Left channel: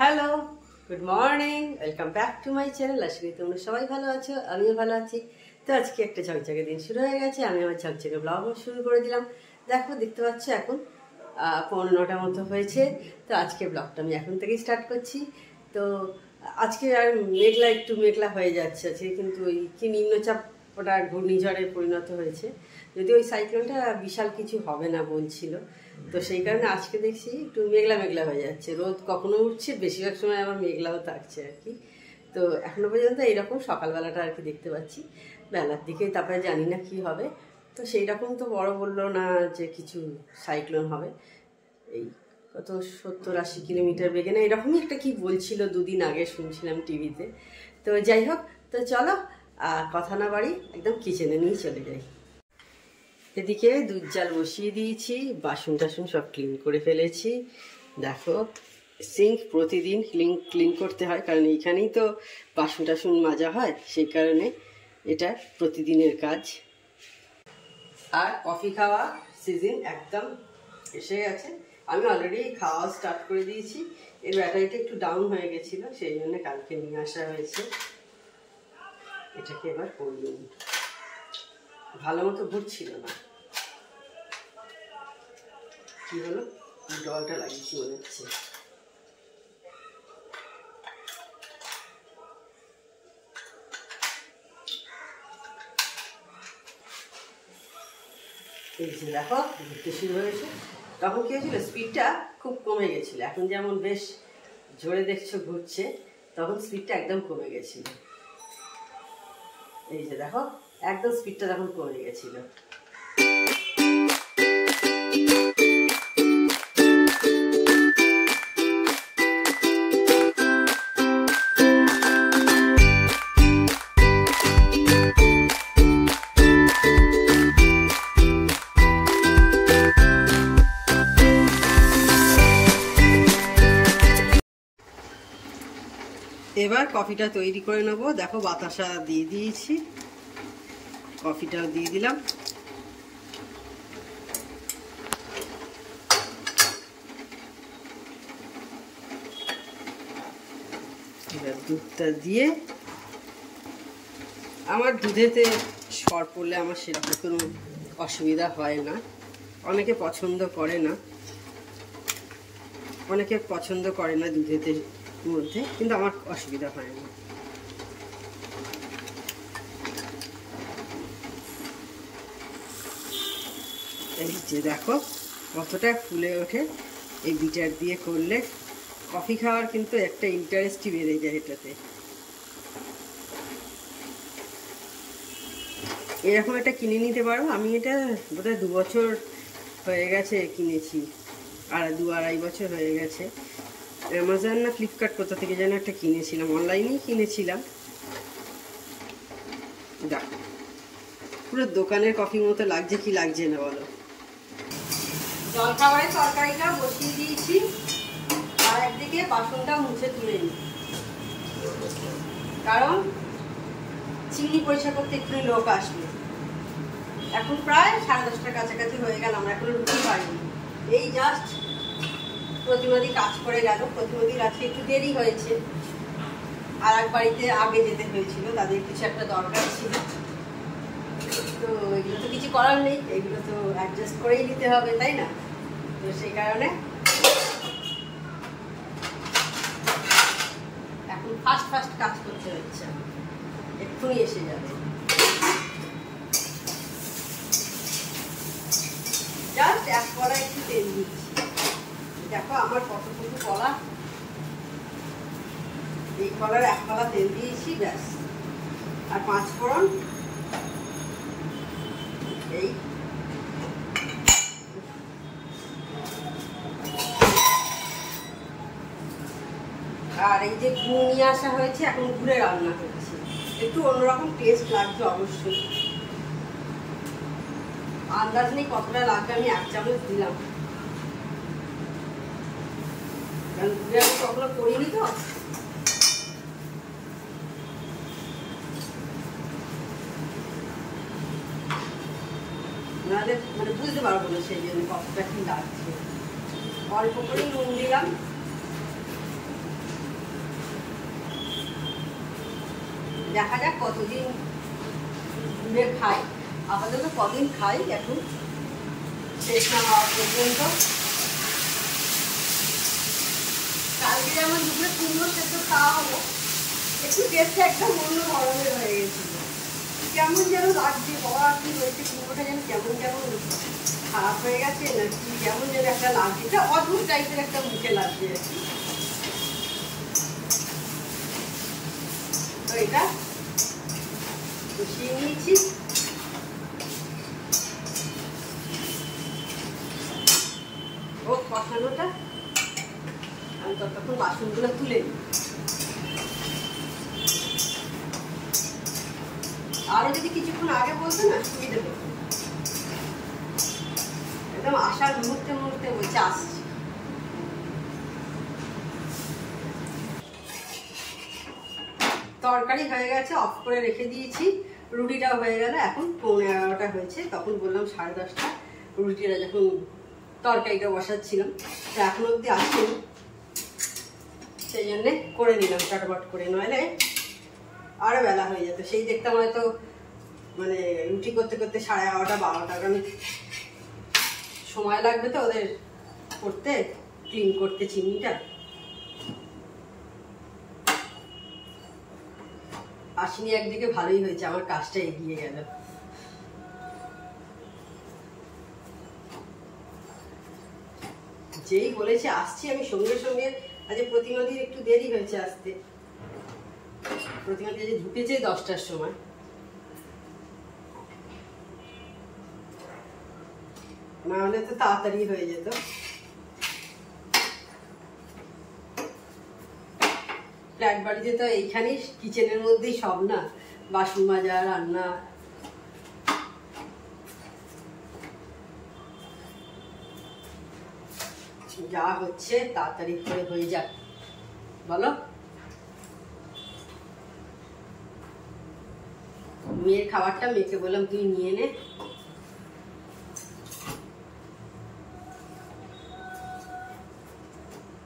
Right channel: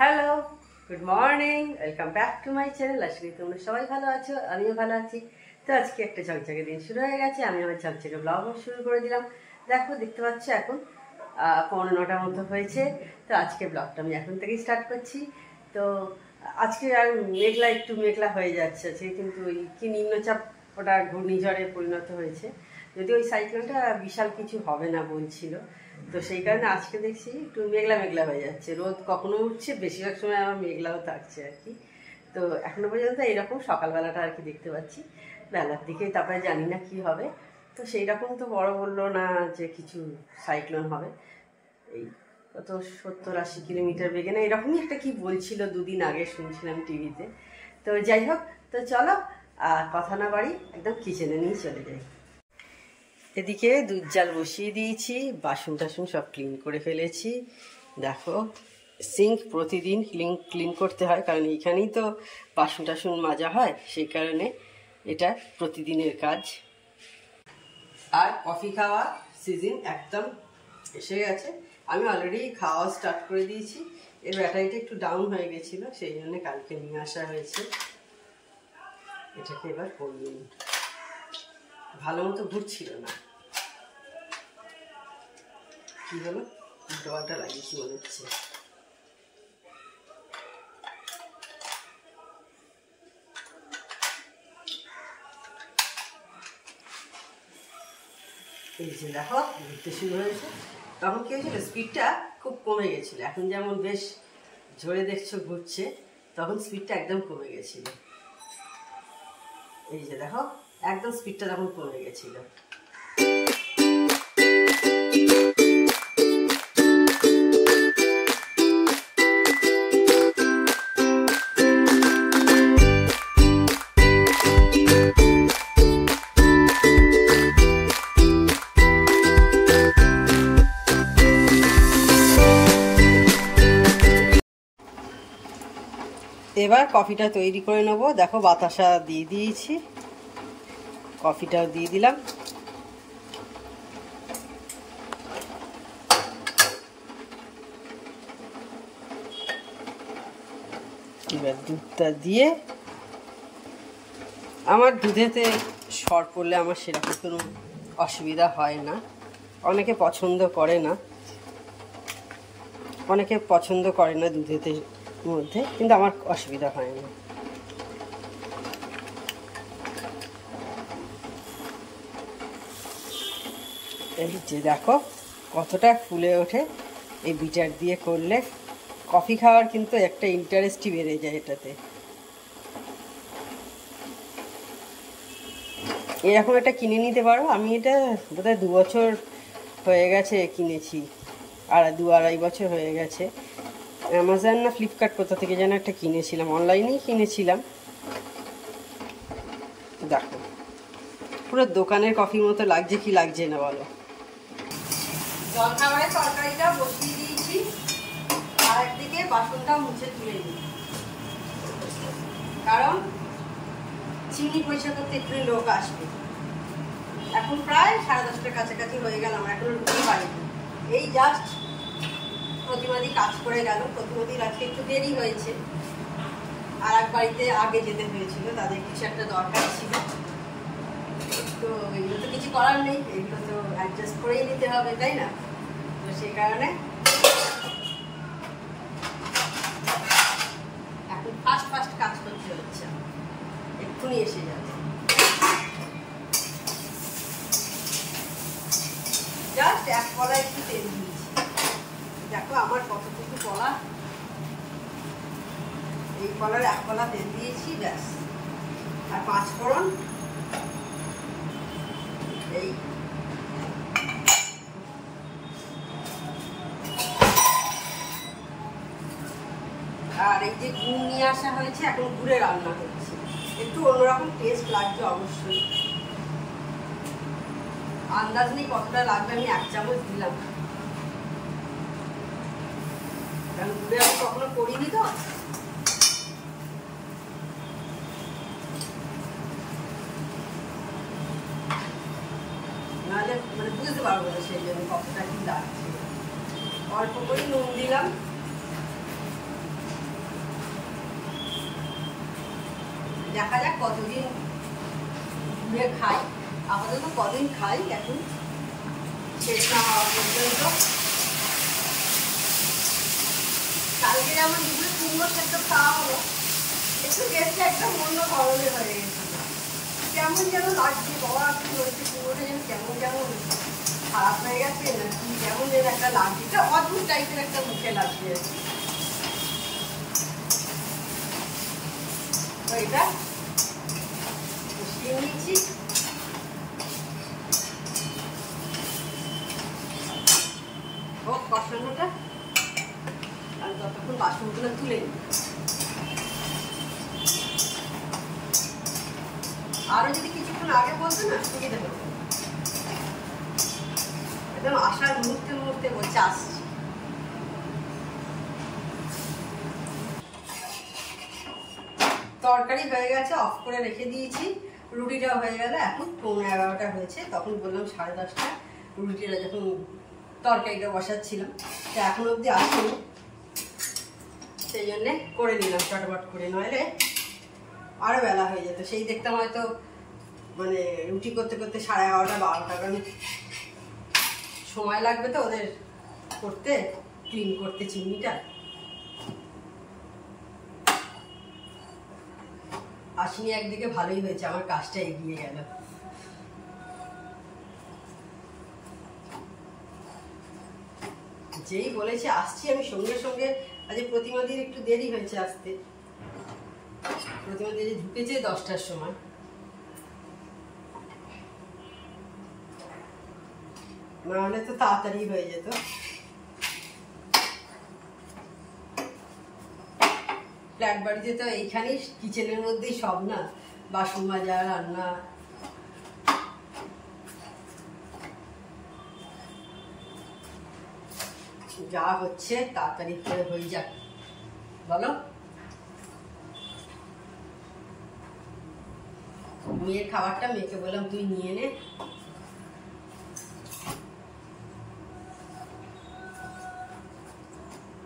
Hello, good morning, welcome back to my channel. আশা করি তোমরা সবাই ভালো আছো, আমিও ভালো আছি। তো আজকে একটা ঝকঝকে দিন শুরু হয়ে গেছে, আমি আমার ঝকঝকে ব্লগ শুরু করে দিলাম। দেখতে পাচ্ছ এখন 9:15 মতো হয়েছে। তো আজকে ব্লগটা আমি এখন থেকেই স্টার্ট করছি। তো আজকে আর একটু মেঘলা হয়ে যাচ্ছে আজকে, কিন্তু ওই কি নিম্নচাপ ওটা ঘূর্ণিঝড়ে পরিণত হয়েছে। যদি ওই সাইক্লোনটা বিশাল কিছু হবে না বলছিল, তো সেই কারণে আজকে দেখছি একটু মেঘলা হয়ে যাচ্ছে। রোদ কখনো উঠছে, বেশিরভাগ সময় আবার মেঘলাও থাকছে আর কি। তো এখনো পর্যন্ত এইরকম সকালবেলাটা আর কি দেখতে পাচ্ছি। বেলার দিকে তারপরে জানি না কি হবে। তো সেই রকম তো বড় বললো না যে কিছু সাইক্লোন হবে, এই কত 70-80 কিলোমিটার বেগে না এরকমই একটা কি বলছিল দুদিন আগে, শুনছিলাম টিভিতে। তো যাই হোক, তো চলো কথা না বাড়ি একদম কিচেনে নিয়ে চলে যাই। এদিকে দুধ জাল বসিয়ে দিয়েছি, বাসন টাসন সব ক্লিন করে ফেলেছি। দেখো, সিঙ্ক প্রতিদিন ক্লিন করতে হয়, কারণ এইখানেই তো বাসন টাসন মাজা হয়, সেই কারণে এটা প্রতিদিনের কাজ। আর কফি খাওয়া সিজন একদম এসে গেছে। আমি অলরেডি খাওয়া স্টার্ট করে দিয়েছি। এর ব্যাটারিটা একটু ডাউন হয়ে গেছিল, সেই জন্য কালকে নিয়ে আসা হয়েছে। এটাকে এবার করিয়ে নিই, ভালো মতো ঘুরছিল না। কি হলো, জলটা লাগিয়েছি মনে হচ্ছে। এই যে দেখো ঘুরতে শুরু হয়েছে। তখন কি হয়েছিল, স্পিডটা খুব কমে গেছিল। এখন যেমন বেশ জোরে দেখছো ঘুরছে, তখন স্পিডটা একদম কমে গেছিল। এই যে দেখো, একদম স্পিডটা তখন কমে গেছিল। এবার কফিটা তৈরি করে নেব। দেখো বাতাসা দিয়ে দিয়েছি, কফিটাও দিয়ে দিলাম। এবার দুধটা দিয়ে, আমার দুধেতে সর পড়লে আমার সেরকম কোনো অসুবিধা হয় না। অনেকে পছন্দ করে না দুধেতে মধ্যে, কিন্তু আমার অসুবিধা হয় না। এই যে দেখো কতটা ফুলে ওঠে। এই বিটার দিয়ে করলে কফি খাওয়ার কিন্তু একটা ইন্টারেস্টই বেড়ে যায় এটাতে। এরকম একটা কিনে নিতে পারো। আমি এটা বোধহয় 2 বছর হয়ে গেছে কিনেছি, 2-2.5 বছর হয়ে গেছে। অ্যামাজন না ফ্লিপকার্ট কোথা থেকে যেন একটা কিনেছিলাম, অনলাইনেই কিনেছিলাম। দেখো পুরো দোকানের কফির মতো লাগছে, কি লাগছে না বলো। জলখাবারের তরকারিটা বসিয়ে দিয়েছি, আর একদিকে বাসনটা মুছে তুলে নিই, কারণ চিনি পরিষ্কার করতে একটু লোক আসবে। এখন প্রায় 10:30টার কাছাকাছি হয়ে গেল, আমরা এখন রুটি পাই। এই জাস্ট প্রতিমাদি কাজ করে গেল। প্রতিমাদির আজকে একটু দেরি হয়েছে, আর এক বাড়িতে আগে যেতে হয়েছিল, তাদের কিছু একটা দরকার ছিল। তো এগুলো তো কিছু করার নেই, এগুলো তো অ্যাডজাস্ট করেই নিতে হবে, তাই না? তো সেই কারণে এখন ফাস্ট কাজ করতে হচ্ছে, এক্ষুনি এসে যাবে। জাস্ট এক কড়াই একটু তেল দিচ্ছি। দেখো আমার কতটুকু কলা, এই কলার 1 কলা তেল দিয়েছি, ব্যাস। আর 5 ফোড়ন, এই আর এই যে গুড় নিয়ে আসা হয়েছে, এখন গুড়ে রান্না করছি। একটু অন্যরকম টেস্ট লাগছে অবশ্যই। আন্দাজ নেই কতটা লাগবে, আমি 1 চামচ দিলাম, কারণ গুড়ে আমি কখনো করিনি তো। নাহলে বুঝতে পারবো না সেই জন্য কতটা কি লাগছে। অল্প করে নুন দিলাম, দেখা যাক কতদিন ঘুরে খাই, আপাতত কদিন খাই এখন শেষ না হওয়া পর্যন্ত। কালকে যেমন দুপুরে কুমড়ো সেদ্ধ খাওয়া হলো, একটু গেছে একটা মন্য গরমে হয়ে গেছিল, কেমন যেন লাগছে, বাবা কি হয়েছে কুমড়োটা যেন কেমন যেমন খারাপ হয়ে গেছে না কি কেমন যেন একটা লাগছে, এটা অদ্ভুত টাইপের একটা মুখে লাগছে। তো এটা বসিয়ে নিয়েছি। ও কষানোটা আমি ততক্ষণ বাসনগুলো তুলে নিই। আরো যদি কিছুক্ষণ আগে বলতো না সুবিধা হতো, একদম আসার মুহূর্তে মুহূর্তে বলছে আসছি। তরকারি হয়ে গেছে, অফ করে রেখে দিয়েছি, রুটিটাও হয়ে গেল। এখন 11:15 হয়েছে, তখন বললাম 10:30, রুটিটা যখন তরকারিটা বসাচ্ছিলাম, তো এখন অবধি আসেনি, সেই জন্যে করে নিলাম চটপট করে, নইলে আরো বেলা হয়ে যেত। সেই দেখতাম হয়তো মানে রুটি করতে করতে 11:30 12টা, আমি সময় লাগবে তো ওদের করতে, ক্লিন করতে চিমনিটা। আসিনি একদিকে ভালোই হয়েছে, আমার কাজটা এগিয়ে গেল। যেই বলেছে আসছি আমি সঙ্গে সঙ্গে, আজ প্রতিমাদির একটু দেরি হয়েছে আসতে, প্রতিমাদি যে ঢুকেছে 10টার সময়, না হলে তো তাড়াতাড়ি হয়ে যেত। ফ্ল্যাট বাড়িতে তো এইখানেই কিচেনের মধ্যেই সব না, বাসন মাজা, রান্না, যা হচ্ছে তাড়াতাড়ি করে হয়ে যাক, বলো। মেয়ের খাবারটা মেয়েকে বললাম তুই নিয়ে নে,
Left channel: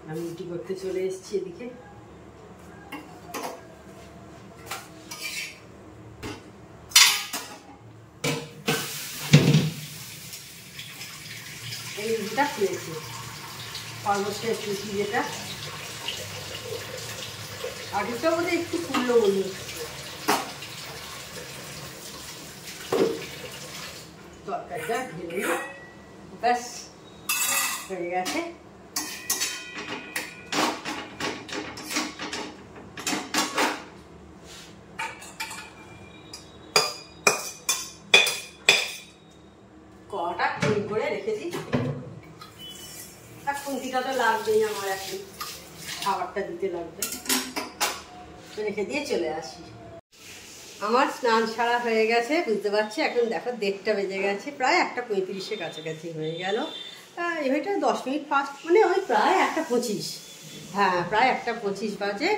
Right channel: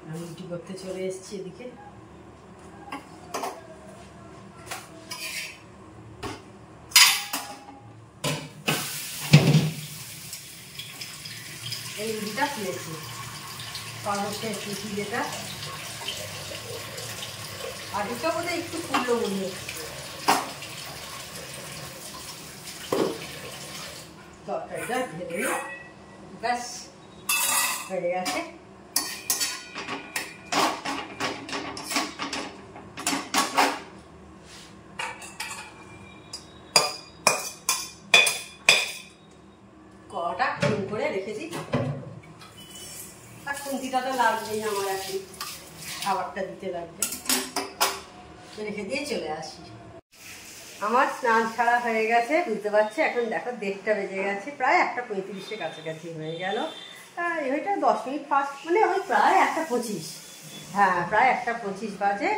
আমি রুটি করতে চলে এসেছি এদিকে। এই রুটিটা খেয়েছি সর্বশেষ রুটি, যেটা আগেটা বোধহয় একটু ফুললো মনে হচ্ছে। তরকারিটা ঢেলে ব্যাস হয়ে গেছে। কটা ক্লিন করে রেখে দিই, আর খুন্তিটা তো লাগবেই আমার, এখন খাবারটা দিতে লাগবে, রেখে দিয়ে চলে আসি। আমার স্নান ছাড়া হয়ে গেছে, বুঝতে পারছি। এখন দেখো 1:30 বেজে গেছে, প্রায় 1:35 কাছাকাছি হয়ে গেল। এইটা 10 মিনিট ফাস্ট, মানে ওই প্রায় 1:25, হ্যাঁ প্রায় 1:25 বাজে।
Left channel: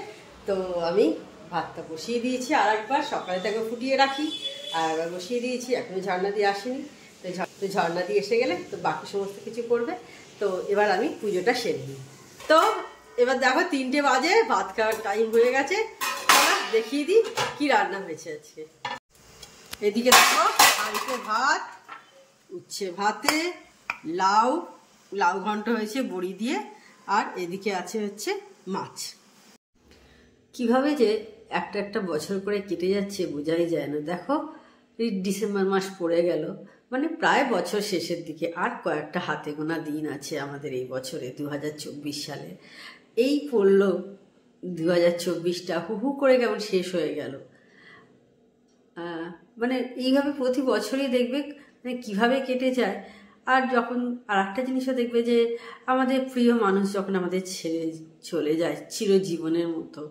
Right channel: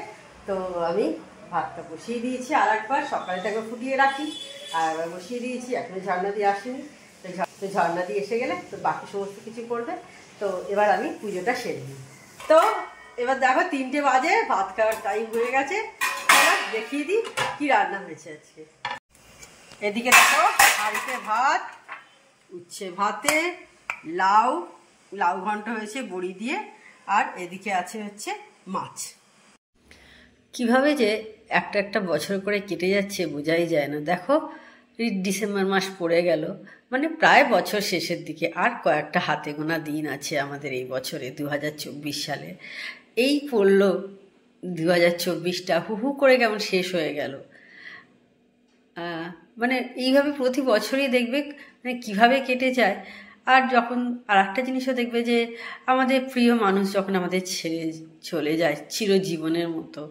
তো আমি ভাতটা বসিয়ে দিয়েছি, আর একবার সকালে একবার ফুটিয়ে রাখি, আর একবার বসিয়ে দিয়েছি। এখনো ঝর্ণা দিয়ে আসেনি, তো ঝর্ণা দিয়ে এসে গেলে তো বাকি সমস্ত কিছু করবে। তো এবার আমি পুজোটা সেরে নিই। তো এবার দেখো 3টে বাজে, ভাত খাওয়ার টাইম হয়ে গেছে। দেখিয়ে দিই কি রান্না হয়েছে আজকে। এদিকে দেখো হাঁড়িতে ভাত, উচ্ছে ভাতে লাউ ঘন্ট হয়েছে বড়ি দিয়ে, আর এদিকে আছে হচ্ছে মাছ। কিভাবে যে একটা একটা বছর করে কেটে যাচ্ছে বোঝাই যায় না। দেখো ডিসেম্বর মাস পড়ে গেল, মানে প্রায় বছর শেষের দিকে, আর কয়েকটা হাতে গোনা দিন আছে আমাদের এই বছরে, 2024 সালে। এই পড়লো 2024টা, হু করে কেমন শেষ হয়ে গেল। মানে এইভাবে প্রতি বছরই দেখবে মানে কীভাবে কেটে যায়। আর যখন আর একটা জিনিসও দেখবে যে আমাদের প্রিয় মানুষ যখন আমাদের ছেড়ে চলে যায় চিরজীবনের মতো,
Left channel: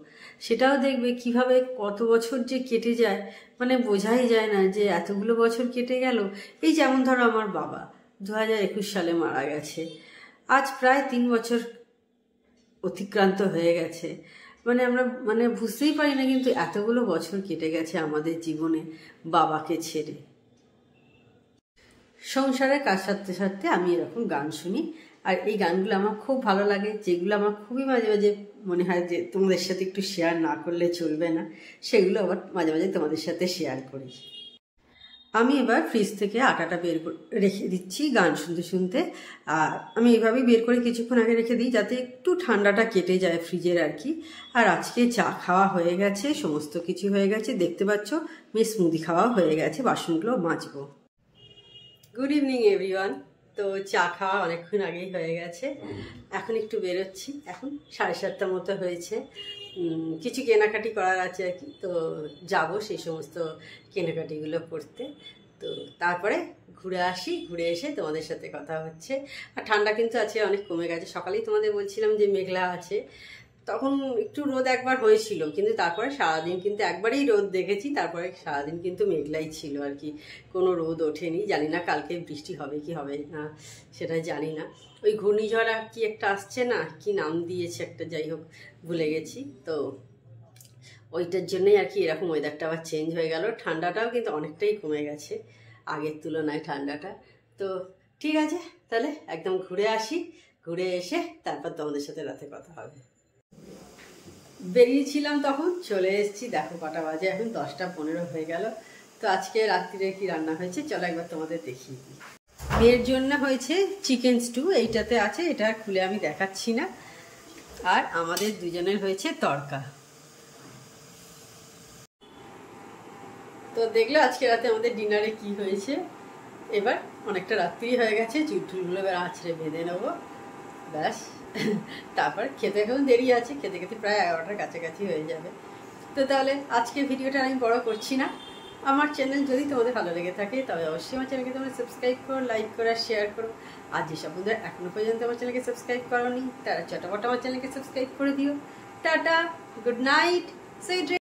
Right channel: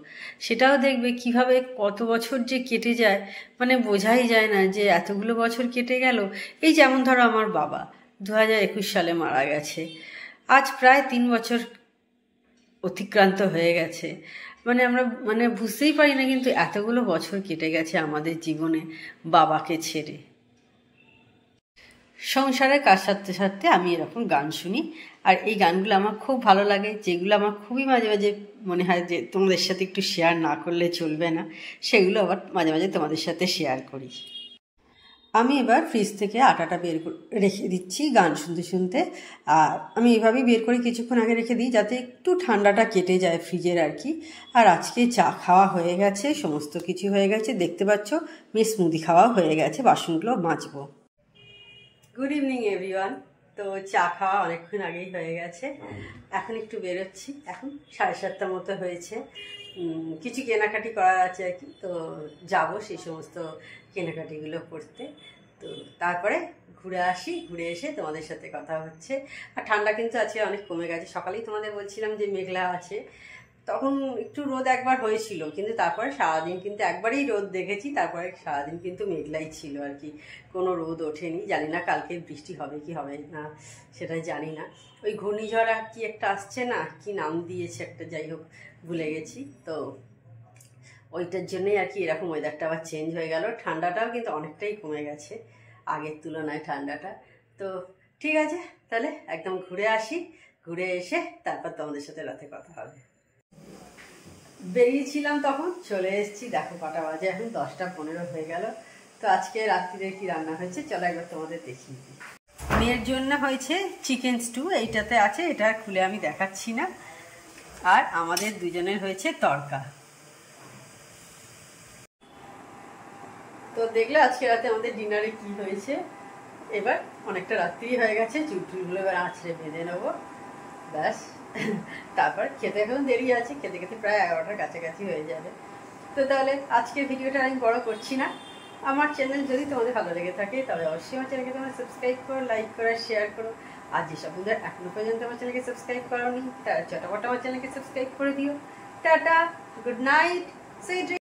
সেটাও দেখবে কিভাবে কত বছর যে কেটে যায়, মানে বোঝাই যায় না যে এতগুলো বছর কেটে গেল। এই যেমন ধরো আমার বাবা 2021 সালে মারা গেছে, আজ প্রায় 3 বছর অতিক্রান্ত হয়ে গেছে। মানে আমরা মানে বুঝতেই পারি না, কিন্তু এতগুলো বছর কেটে গেছে আমাদের জীবনে বাবাকে ছেড়ে। সংসারের কাজ সারতে সারতে আমি এরকম গান শুনি, আর এই গানগুলো আমার খুব ভালো লাগে, যেগুলো আমার খুবই মাঝে মাঝে মনে হয় যে তোমাদের সাথে একটু শেয়ার না করলে চলবে না, সেগুলো আবার মাঝে মাঝে তোমাদের সাথে শেয়ার করি। আমি এবার ফ্রিজ থেকে আটাটা বের করে রেখে দিচ্ছি গান শুনতে শুনতে। আর আমি এভাবেই বের করে কিছুক্ষণ আগে রেখে দিই যাতে একটু ঠান্ডাটা কেটে যায় ফ্রিজের আর কি। আর আজকে চা খাওয়া হয়ে গেছে, সমস্ত কিছু হয়ে গেছে, দেখতে পাচ্ছ মেয়ে স্মুদি খাওয়া হয়ে গেছে, বাসনগুলো মাজবো। Good evening everyone. তো চা খাওয়া অনেকক্ষণ আগেই হয়ে গেছে, এখন একটু বেরোচ্ছি, এখন 7:30 মতো হয়েছে। কিছু কেনাকাটি করার আছে আর কি, তো যাবো সেই সমস্ত কেনাকাটিগুলো করতে। তো তারপরে ঘুরে আসি, ঘুরে এসে তোমাদের সাথে কথা হচ্ছে। আর ঠান্ডা কিন্তু আজকে অনেক কমে গেছে, সকালেই তোমাদের বলছিলাম যে মেঘলা আছে, তখন একটু রোদ একবার হয়েছিল, কিন্তু তারপরে সারাদিন কিন্তু একবারেই রোদ দেখেছি, তারপরে সারাদিন কিন্তু মেঘলাই ছিল আর কি, কোনো রোদ ওঠেনি। জানি না কালকে বৃষ্টি হবে কি হবে না সেটা জানি না। ওই ঘূর্ণিঝড় আর কি একটা আসছে না, কি নাম দিয়েছে একটা, যাই হোক ভুলে গেছি। তো ওইটার জন্যই আর কি এরকম ওয়েদারটা আবার চেঞ্জ হয়ে গেল। ঠান্ডাটাও কিন্তু অনেকটাই কমে গেছে আগের তুলনায় ঠান্ডাটা। তো ঠিক আছে, তাহলে একদম ঘুরে আসি, ঘুরে এসে তারপর তোমাদের সাথে রাতে কথা হবে। বেরিয়েছিলাম তখন, চলে এসেছি, দেখো কটা বাজে এখন, 10টা 15 হয়ে গেল। তো আজকে রাত্রিরে কি রান্না হয়েছে চলো একবার তোমাদের দেখিয়ে দিই। মেয়ের জন্য হয়েছে চিকেন স্টু, এইটাতে আছে, এটা খুলে আমি দেখাচ্ছি না। আর আমাদের দুজনের হয়েছে তড়কা। তো দেখলে আজকে রাতে আমাদের ডিনারে কি হয়েছে। এবার অনেকটা রাত্রি হয়ে গেছে, চুলটুলগুলো এবার আঁচড়ে বেঁধে নেবো, ব্যাস। তারপর খেতে এখন দেরি আছে, খেতে খেতে প্রায় 11টার কাছাকাছি হয়ে যাবে। তো তাহলে আজকে ভিডিওটা আমি বড় করছি না। আমার চ্যানেল যদি তোমাদের ভালো লেগে থাকে তবে অবশ্যই আমার চ্যানেলকে তোমরা সাবস্ক্রাইব করো, লাইক করো, শেয়ার করো। আর যেসব বন্ধুরা এখনো পর্যন্ত আমার চ্যানেলকে সাবস্ক্রাইব করোনি তারা চটাপট আমার চ্যানেলকে সাবস্ক্রাইব করে দিও। Tata, good night, sweet dream.